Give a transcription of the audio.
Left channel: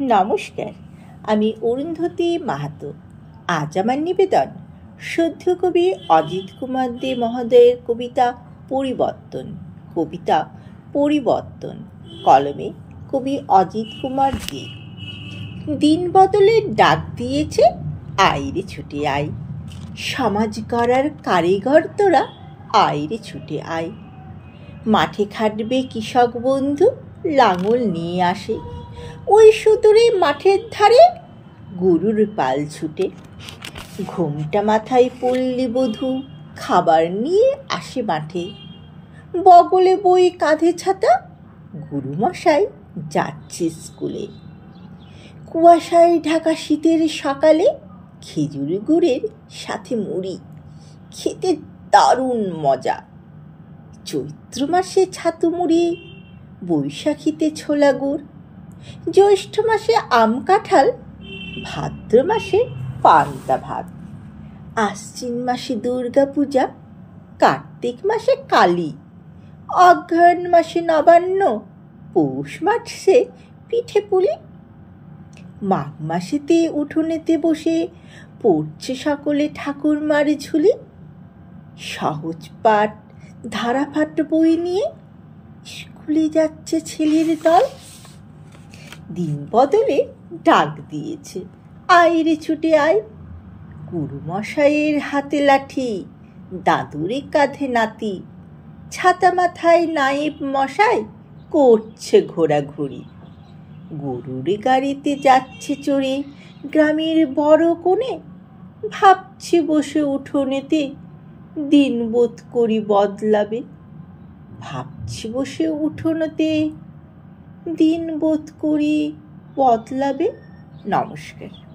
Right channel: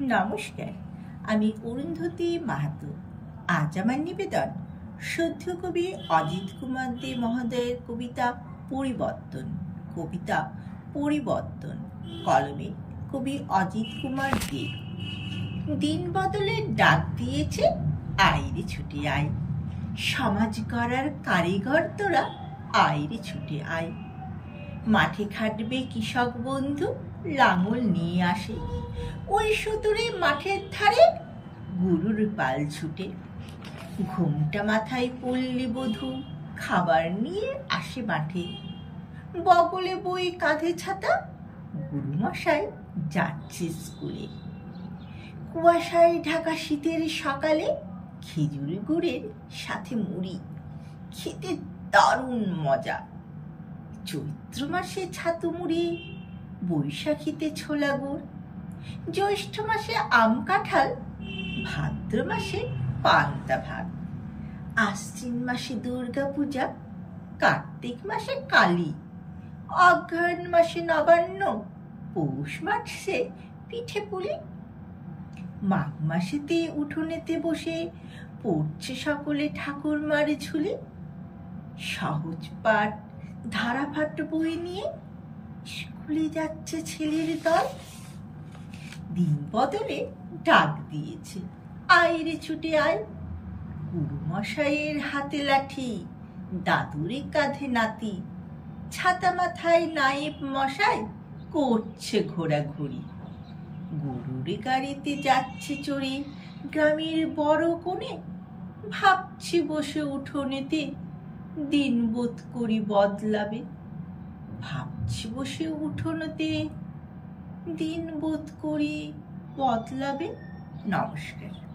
নমস্কার, আমি অরুন্ধতী মাহাতো। আজ আমার নিবেদন শুদ্ধ কবি অজিত কুমার দে মহোদয়ের কবিতা পরিবর্তন। কলমে কবি অজিত কুমার দে। দিন বদলের ডাক দিয়েছে, আইরে ছুটে আয়। সমাজ গড়ার কারিগর তোরা, আইরে ছুটে আয়। মাঠে খাটবে কৃষক বন্ধু, লাঙল নিয়ে আসে। ওই সুদূরে মাঠের ধারে গরুর পাল ছুটে। ঘোমটা মাথায় পল্লী বধূ খাবার নিয়ে আসে মাঠে। বগলে বই কাঁধে ছাতা, গুরুমশাই যাচ্ছে স্কুলে। কুয়াশায় ঢাকা শীতের সকালে খেজুর গুড়ের সাথে মুড়ি খেতে দারুণ মজা। চৈত্র মাসে ছাতু মুড়ি, বৈশাখীতে ছোলা গুড়, জ্যৈষ্ঠ মাসে আম কাঁঠাল, ভাদ্র মাসে পান্তা ভাত, আশ্বিন মাসে দুর্গা পূজা, কার্তিক মাসে কালী, অঘ্রাণ মাসে নবান্ন, পৌষ মাসে পিঠে পুলি। মাঘ মাসেতে উঠোনেতে বসে পড়ছে সকলে ঠাকুরমার ঝুলি। সহজ পাঠ ধারাপাঠ বই নিয়ে স্কুলে যাচ্ছে ছেলের দল। দিন বদলে ডাক দিয়েছে, আইরে ছুটে আয়। গুরুমশাইয়ের হাতে লাঠি, দাদুরে কাঁধে নাতি, ছাতা মাথায় নায়েব মশাই করছে ঘোরাঘুরি। গরুর গাড়িতে যাচ্ছে চড়ে গ্রামের বড় কোণে। ভাবছি বসে উঠোনেতে দিন বোধ করি বদলাবে। ভাবছি বসে উঠোনেতে দিন বোধ করি বদলাবে। নমস্কার।